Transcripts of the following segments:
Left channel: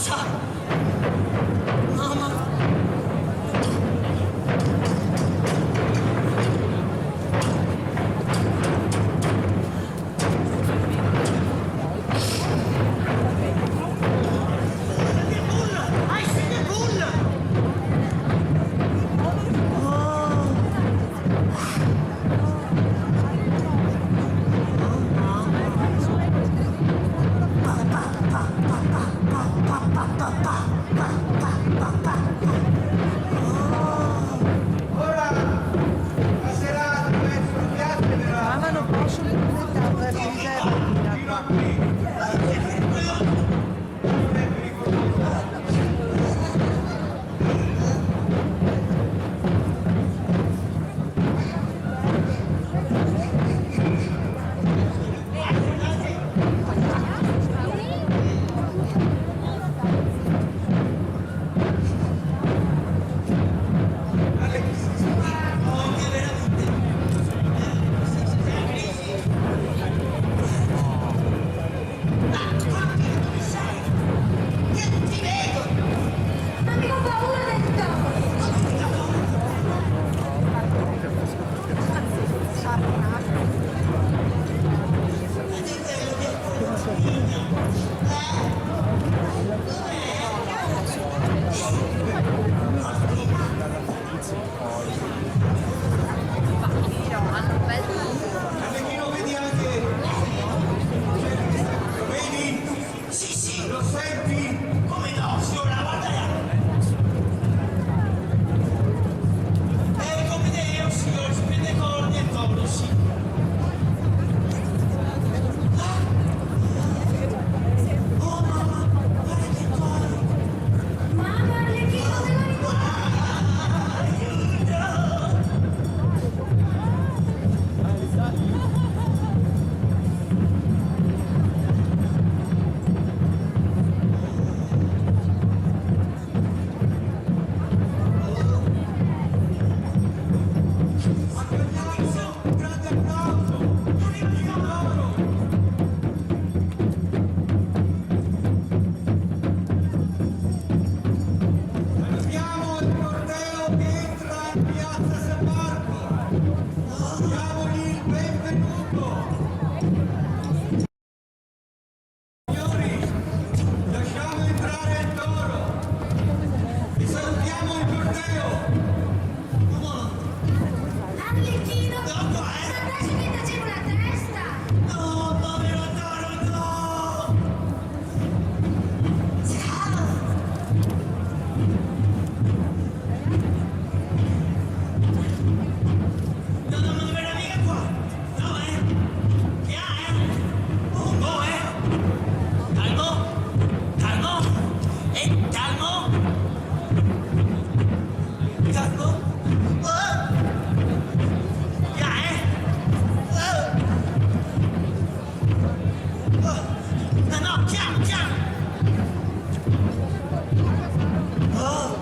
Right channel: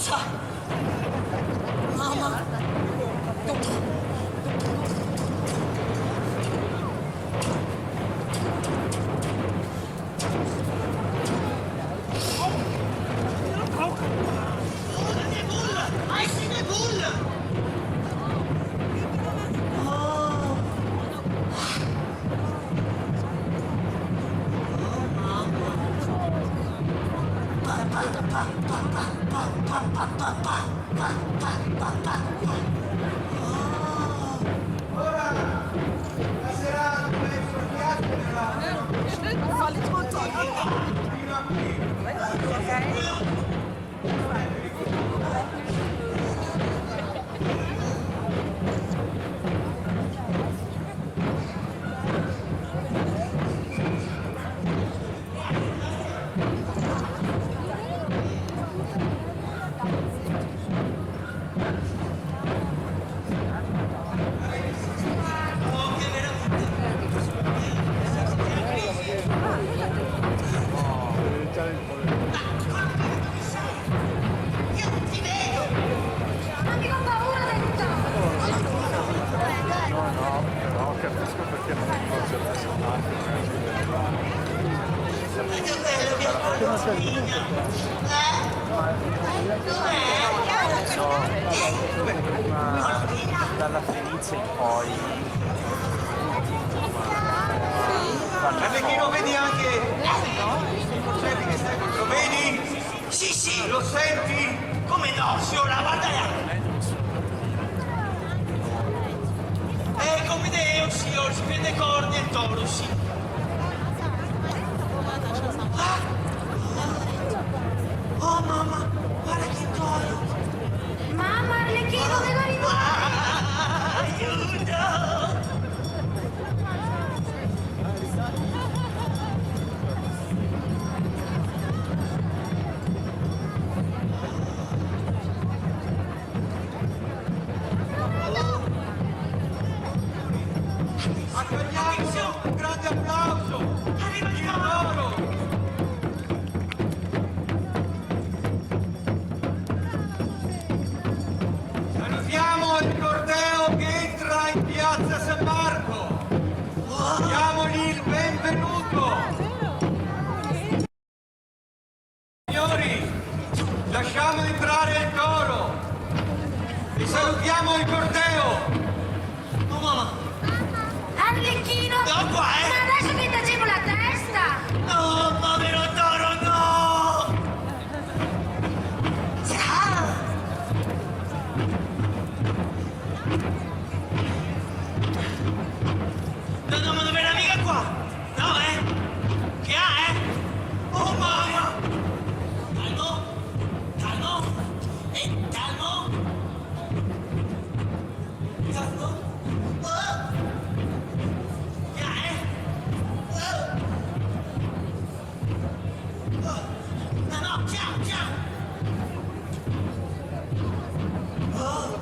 Rossa! Mamma! Dalla Felice poi perché lo vedi anche? Lo vedi? Sì, sì! Lo senti? Come no, signora, guarda là! Come Dio, signor, si vede corni e toro, sì! Oh, mamma, guarda che toro! Mamma, Arlecchino, me lo ricordo! Aiuto! Accogliamo un grande applauso! Arriva il toro! Salutiamo il corteo che entra in piazza San Marco! Diamogli il benvenuto! Signori, lasciamo entrare il toro! E salutiamo il corteo! Mamma, Arlecchino! no, qua, Ma adesso mi tacevo la testa! No, povero toro, no! Ciao! No, no, ma dov'è la mica qua? No, Che ha, Un po', Calmo! Calmo! Calmo! Calmo! Oh! Che ha, Oh! Oh! No, no, ciao, ciao! Oh!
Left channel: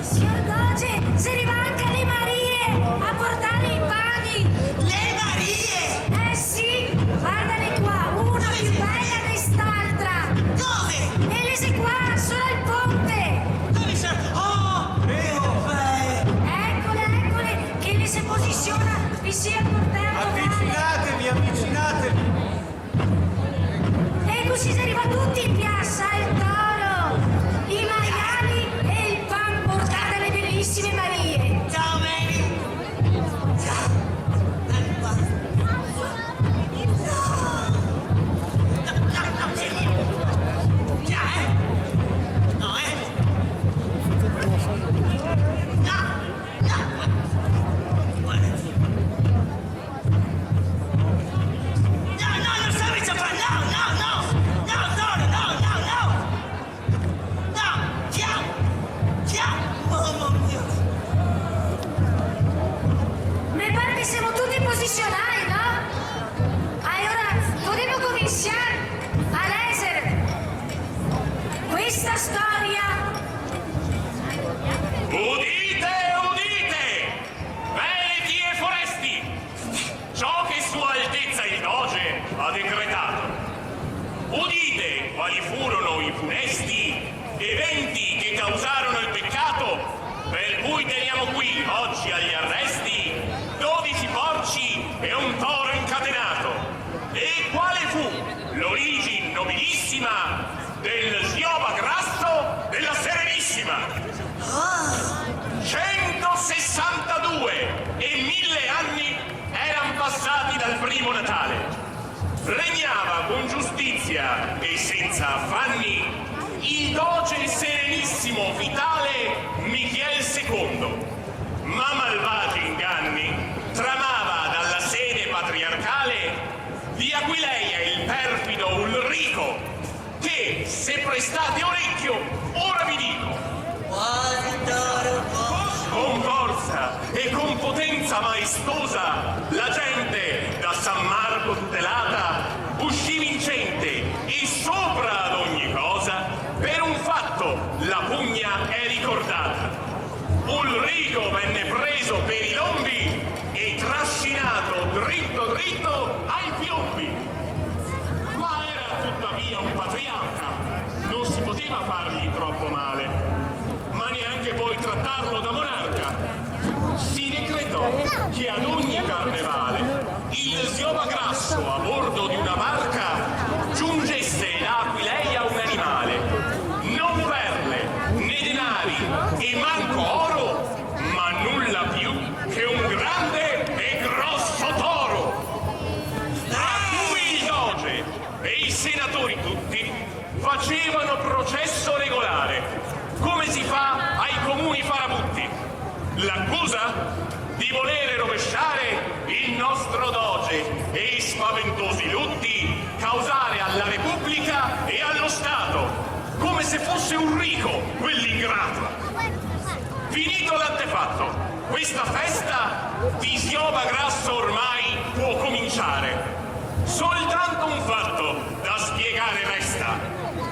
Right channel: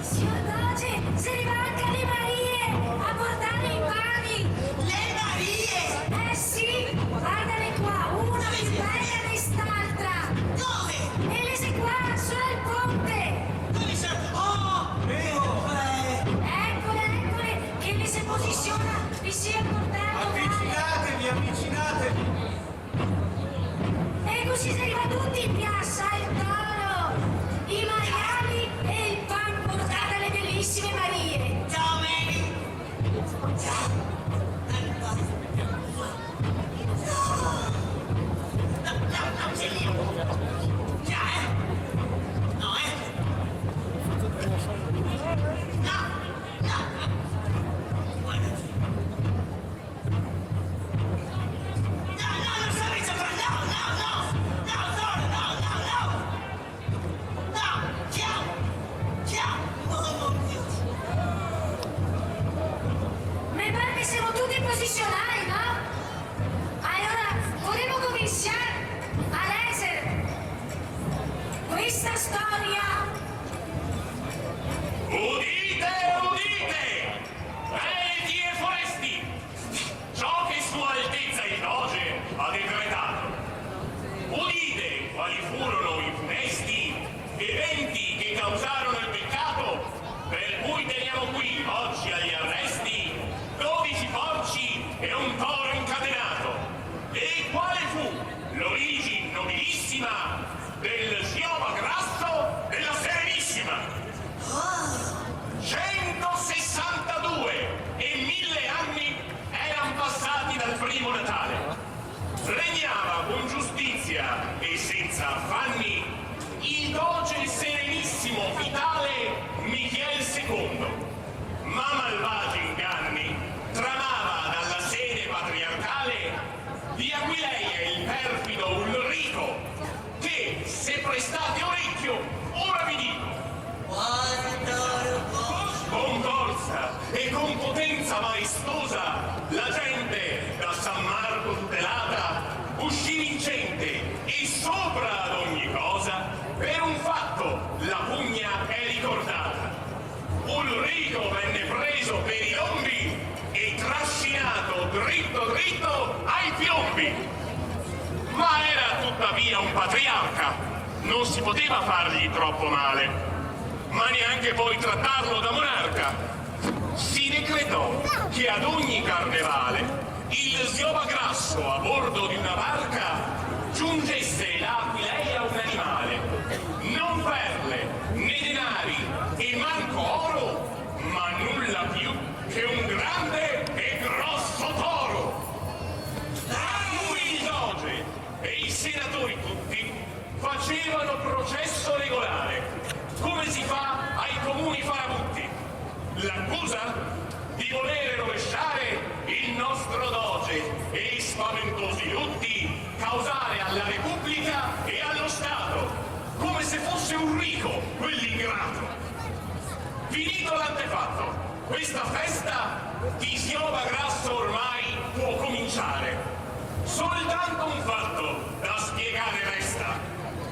Signor Doge, se rimanca le Marie a portare i pani! Le Marie! Eh sì, guardale qua, una più bella di quest'altra! Dove? E lese qua, solo al ponte! Dove sono? Oh! Eccole, eccole, che le si posiziona vicino al portello! Avvicinatevi, avvicinatevi! E così si arriva tutti in piazza, il toro, i maiali e il pan portato alle bellissime Marie! Ciao, Mary! Ciao! No, c'è lì! Già, No, No! Guardati! No, non stavi giocando! No, Toro, no! No, ciao! Oh, mio Dio! Mi pare che siamo tutti posizionati, no? Allora, potremmo cominciare a leggere questa storia. Udite, udite! Veneti e foresti! Ciò che Sua Altezza il Doge ha decretato. Udite quali furono i funesti eventi che causarono il peccato, per cui teniamo qui oggi agli arresti 12 porci e un toro incatenato. E quale fu l'origine nobilissima del Giova Grasso della Serenissima? 162 e 1000 anni erano passati dal primo Natale. Regnava con giustizia e senza affanni il doge serenissimo vitale Michiel II, ma malvagi inganni tramava dalla sede patriarcale di Aquileia il perfido Ulrico, che, se prestate orecchio, ora vi dico, con forza e con potenza maestosa la gente da San Marco tutelata uscì vincente e sopra ad ogni cosa per un fatto la pugna è ricordata. Ulrico venne preso per i lombi e trascinato dritto dritto ai piombi. Ma era tuttavia un patriarca, non si poteva fargli troppo male, ma neanche poi trattarlo da monarca. Si decretò che ad ogni carnevale il Giova Grasso a bordo di una barca giungesse da Aquileia un animale, non perle né denari e manco oro, ma nulla più che un grande e grosso toro, a cui il doge e i senatori tutti facevano processo regolare, come si fa ai comuni farabutti. L'accusa? Di volere rovesciare il nostro doge e i spaventosi lutti causare alla Repubblica e allo Stato, come se fosse Ulrico quell'ingrato. Finito l'antefatto, questa festa di Giova Grasso ormai può cominciare. Soltanto un fatto da spiegare resta.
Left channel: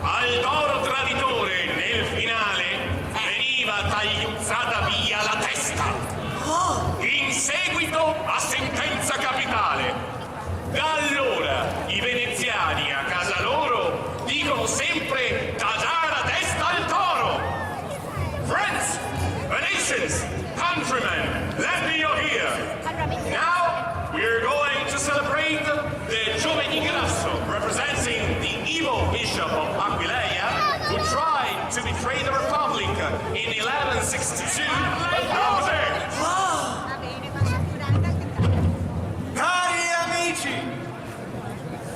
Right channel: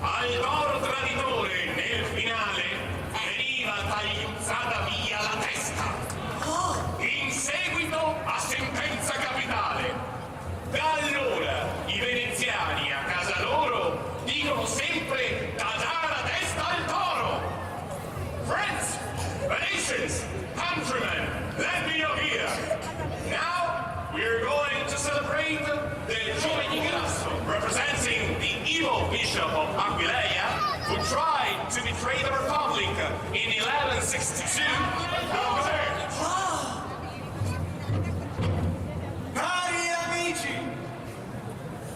Al toro traditore nel finale veniva tagliuzzata via la testa. In seguito a sentenza capitale. Da allora i veneziani a casa loro dicono sempre tagliare la testa al toro. Friends, Venetians, countrymen, lend me your ear. Now we're going to celebrate the Giovani Grasso, representing the evil bishop of Aquileia, who tried to betray the Republic in 1162. Over there. Cari amici,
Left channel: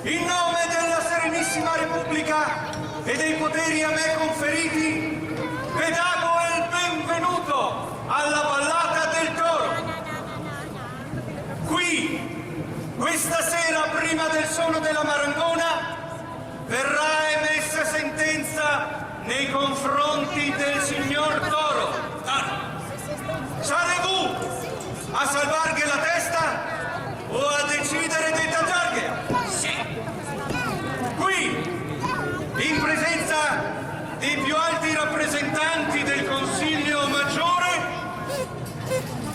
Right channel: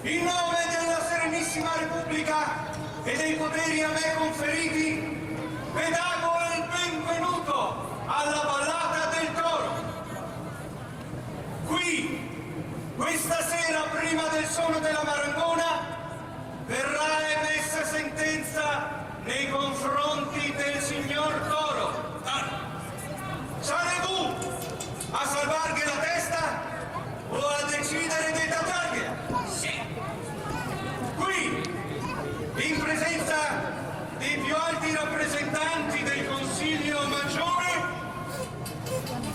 in nome della Serenissima Repubblica e dei poteri a me conferiti, vi dago il benvenuto alla Ballata del Toro. Qui, questa sera, prima del suono della marangona, verrà emessa sentenza nei confronti del signor Toro. Sarez-vous a salvarghe la testa o a decidere di tagliargliela? Sì. Qui, in presenza dei più alti rappresentanti del Consiglio Maggiore,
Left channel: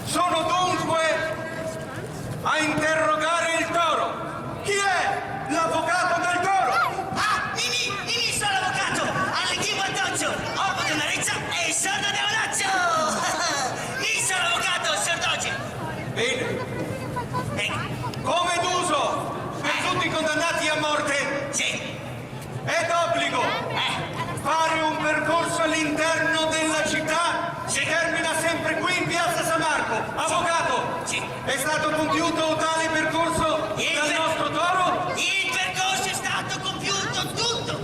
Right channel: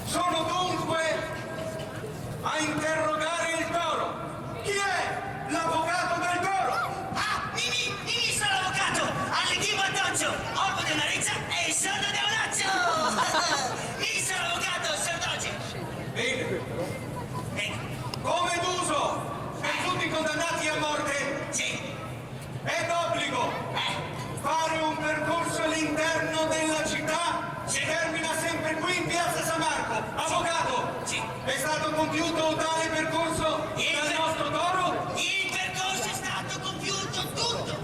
sono dunque a interrogare il Toro. Chi è l'avvocato del Toro? Ah, Mimi, sono l'avvocato, all'equipo addosso, uomo di una riccia e sordo di un occhio. Io sono l'avvocato, signor Doge. Bene. Ecco, Come d'uso per tutti i condannati a morte, sì, è d'obbligo fare un percorso all'interno della città. Si termina sempre qui in piazza San Marco. Avvocato, sì. è stato compiuto tale percorso dal nostro Toro? Il percorso è stato compiuto tutto.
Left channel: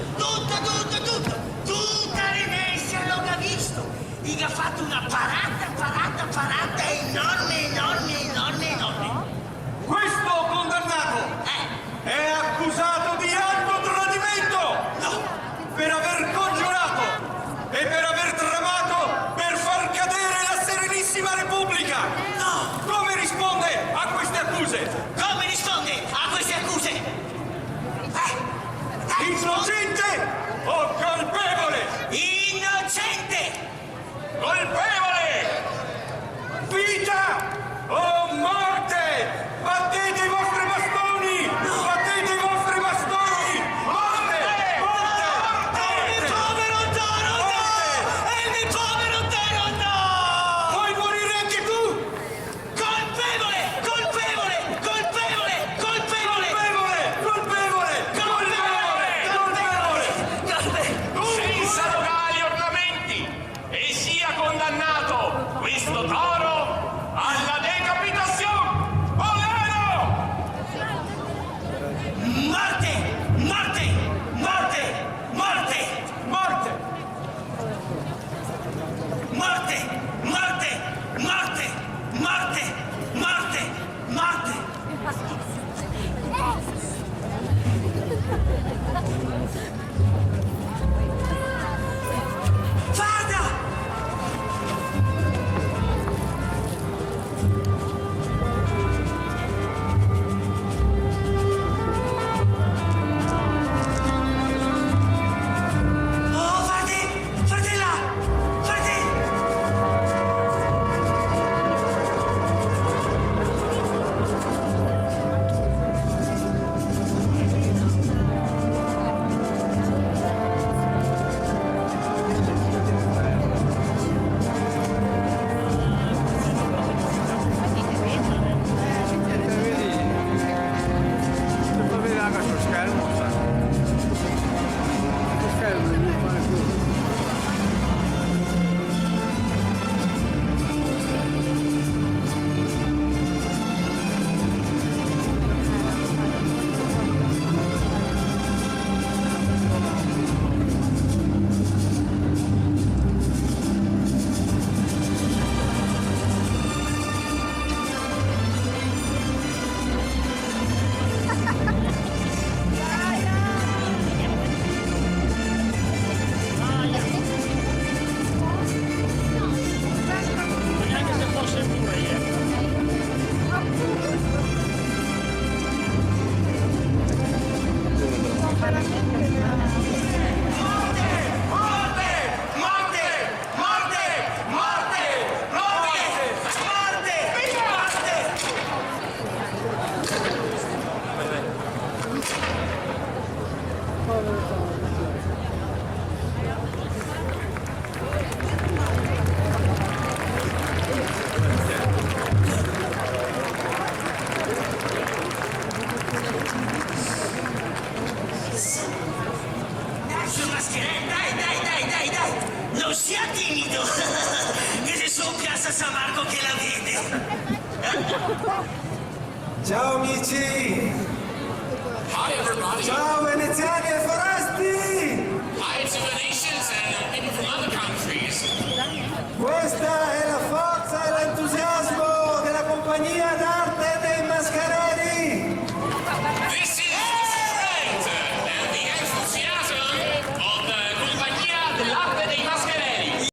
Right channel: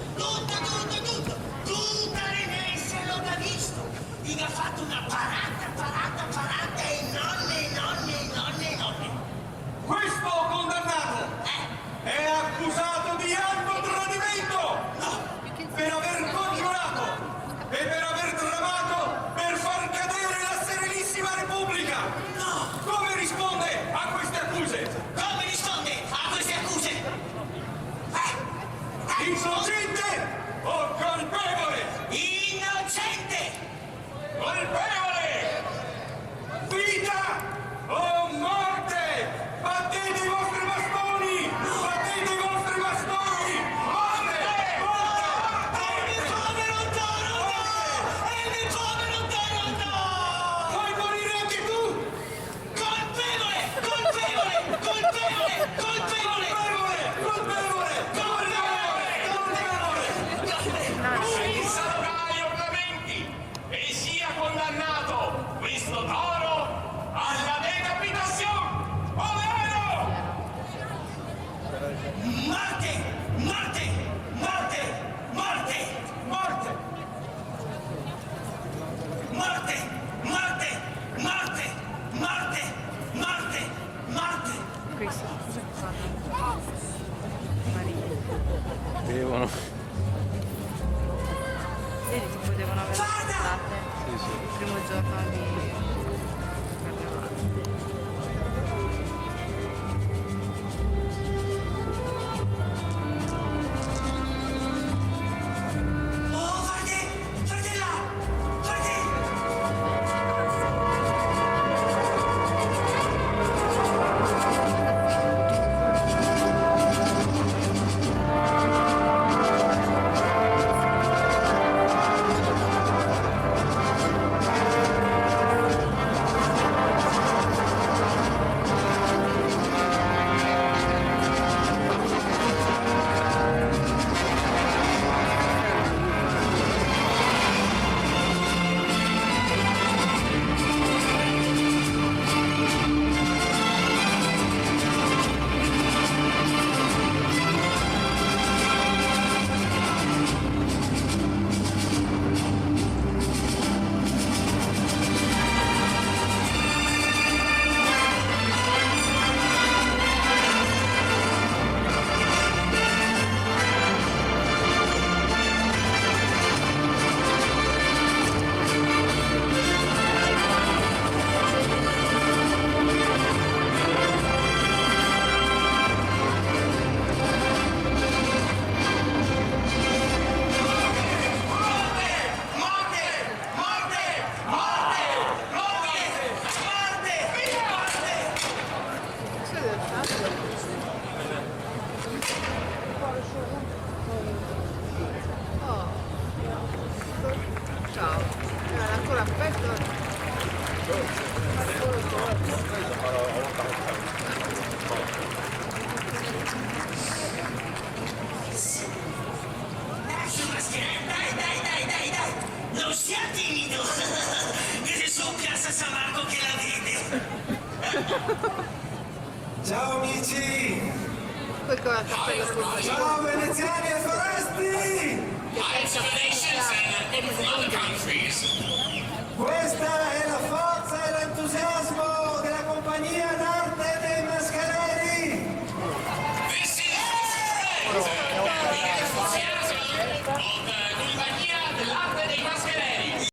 Tutta Venezia lo ha visto. Gli ha fatto una parata enorme. Questo condannato è accusato di alto tradimento! No, Per aver congiurato e per aver tramato per far cadere la Serenissima Repubblica! no. Come risponde a queste accuse? Come risponde a queste accuse? maschere, dai, non sia timido, che se su piazza San Marco che la vede. Ciao amici! Hi everybody. Ciao veneziani e foresti! Hi